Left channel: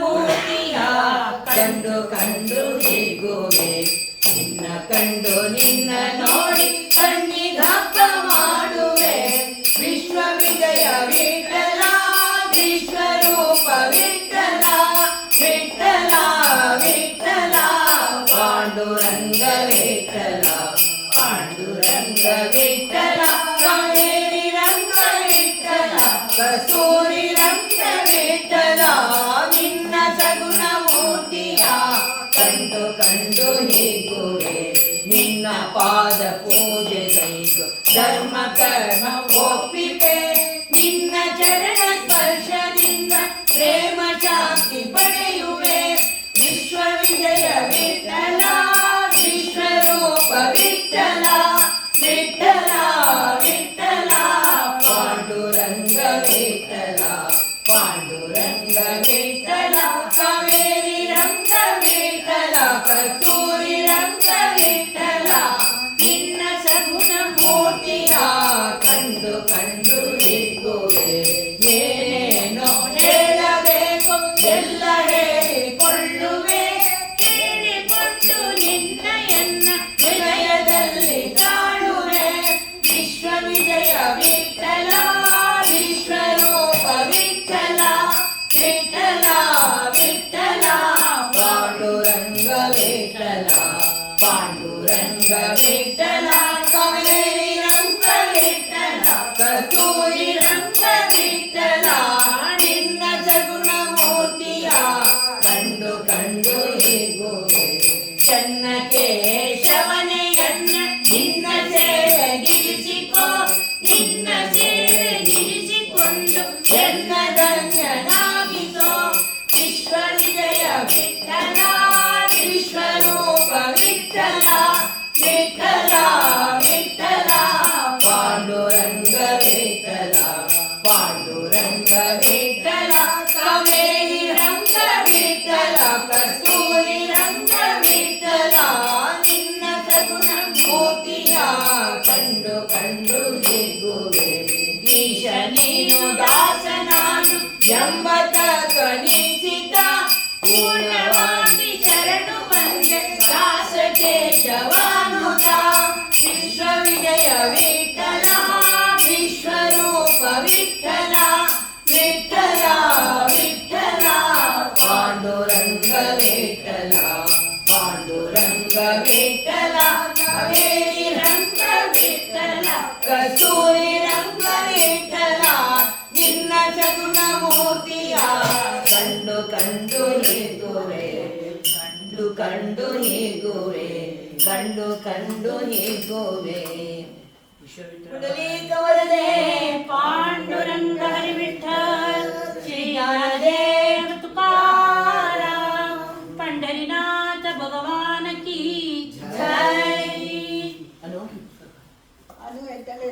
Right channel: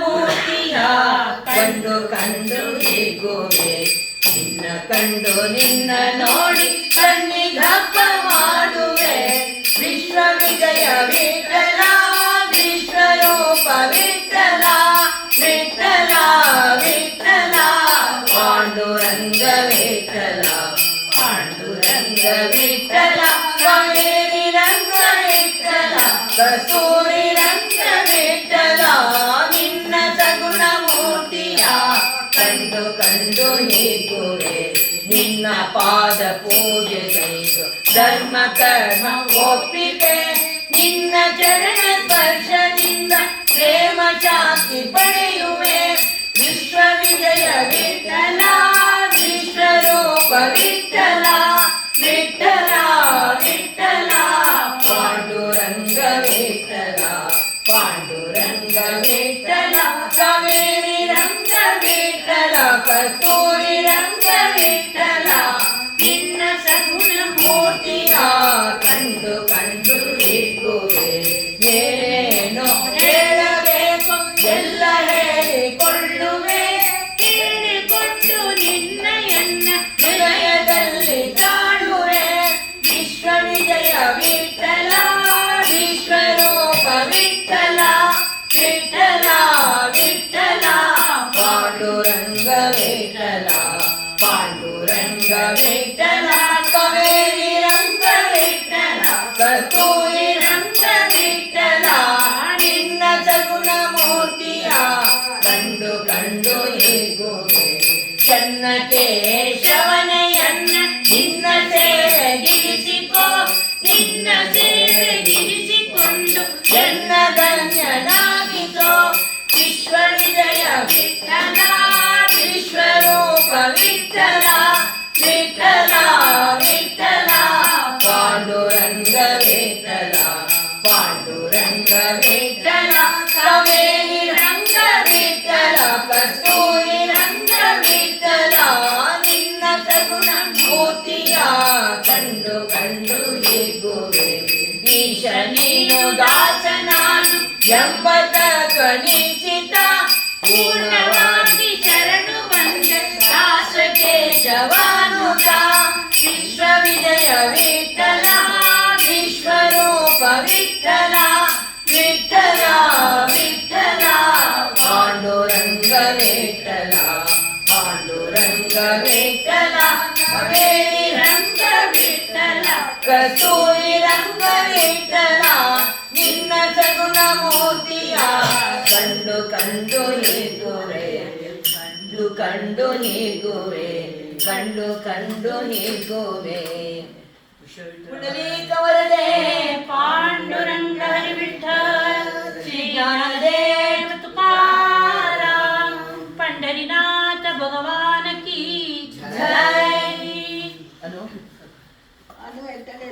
ಮೂರ್ತಿಯ ಕಂಡು ಕಂಡು ಹೀಗುವೆ ನಿನ್ನ ಕಂಡು ನಿನ್ನ ನೋಡಿ ಕಣ್ಣಿಗಪ್ಪ ಮಾಡುವೆ ವಿಶ್ವ ವಿಜಯ ವಿಠಲ ವಿಶ್ವರೂಪ ವಿಠಲ ವಿಠಲ ವಿಠಲ ಪಾಂಡುರಂಗ ವಿಠಲ ಪಾಂಡುರಂಗ ವಿಠಲ ಕಾವೇರಿ ರಂಗ ವಿಠಲ ಕಸ್ತೂರಿ ರಂಗ ವಿಠಲ ನಿನ್ನ ಸಗುಣ ಮೂರ್ತಿಯ ಕಂಡು ಕಂಡು ಹೀಗುವೆ ನಿನ್ನ ಪಾದ ಪೂಜೆ ಕೈದು ಧರ್ಮ ಕರ್ಮ ಒಪ್ಪಿದೆ ನಿನ್ನ ಚರಣ ಸ್ಪರ್ಶದಿಂದ ಪ್ರೇಮ ಶಾಂತಿ ಪಡೆಯುವೆ ವಿಶ್ವ ವಿಜಯ ವಿಠಲ ವಿಶ್ವರೂಪ ವಿಠಲ ವಿಠಲ ವಿಠಲ ಪಾಂಡುರಂಗ ವಿಠಲ ಪಾಂಡುರಂಗ ವಿಠಲ ಕಾವೇರಿ ರಂಗ ವಿಠಲ ಕಸ್ತೂರಿ ರಂಗ ವಿಠಲ ನಿನ್ನ ಸಗುಣ ಮೂರ್ತಿಯ ಕಂಡು ಕಂಡು ಹೀಗುವೆ ಏನೇನೋ ಹೇಳಬೇಕು ಎಲ್ಲ ಹೇಳಿಕೊಳ್ಳುವೆ ಹೇಳಿಕೊಂಡು ನಿನ್ನಯನ್ನ ಹೃದಯದಲ್ಲಿ ಕಾಣುವೆ ವಿಶ್ವ ವಿಜಯ ವಿಠಲ ವಿಶ್ವರೂಪ ವಿಠಲ ವಿಠಲ ವಿಠಲ ಪಾಂಡುರಂಗ ವಿಠಲ ಪಾಂಡುರಂಗ ವಿಠಲ ಕಾವೇರಿ ರಂಗ ವಿಠಲ ಕಸ್ತೂರಿ ರಂಗ ವಿಠಲ ನಿನ್ನ ಸಗುಣ ಮೂರ್ತಿಯ ಕಂಡು ಕಂಡು ಹೀಗುವೆ ಚನ್ನ ಕೇಶವನೆಯನ್ನ ನಿನ್ನ ಸೇವೆಗಿರಿಸಿಕೋ ನಿನ್ನ ಸೇವೆಗಿರಿಸಿಕೊಂಡು ಎನ್ನ ಧನ್ಯನಾಗಿಸೋ ವಿಶ್ವ ವಿಜಯ ವಿಠಲ ವಿಶ್ವರೂಪ ವಿಠಲ ವಿಠಲ ವಿಠಲ ಪಾಂಡುರಂಗ ವಿಠಲ ಪಾಂಡುರಂಗ ವಿಠಲ ಕಾವೇರಿ ರಂಗ ವಿಠಲ ಕಸ್ತೂರಿ ರಂಗ ವಿಠಲ ನಿನ್ನ ಸಗುಣ ಮೂರ್ತಿಯ ಕಂಡು ಕಂಡು ಹೀಗುವೆ ಈಶ ನೀನು ದಾಸ ನಾನು ಎಂಬ ತತ್ವನಿಶ್ಚಿತ ಪೂರ್ಣವಾಗಿ ಶರಣು ಬಂದ ದಾಸ ಕೇಶವಾನುತ ವಿಶ್ವ ವಿಜಯ ವಿಠಲ ವಿಶ್ವರೂಪ ವಿಠಲ ವಿಠಲ ವಿಠಲ ಪಾಂಡುರಂಗ ವಿಠಲ ಪಾಂಡುರಂಗ ವಿಠಲ ಕಾವೇರಿ ರಂಗ ವಿಠಲ ಕಸ್ತೂರಿ ರಂಗ ವಿಠಲ ನಿನ್ನ ಸಗುಣ ಮೂರ್ತಿಯ ಕಂಡು ಕಂಡು ಹೀಗುವೆ ಕಂಡು ಕಂಡು ಹೀಗುವೆ ಕಂಡು ಕಂಡು ಹೀಗುವೆ ಪುಂಡಲೀಕ ವರದೆ पांडुरंग हरि विठ्ठल श्री ज्ञानदेव तुकाराम पंढरीनाथ भगवान की जय.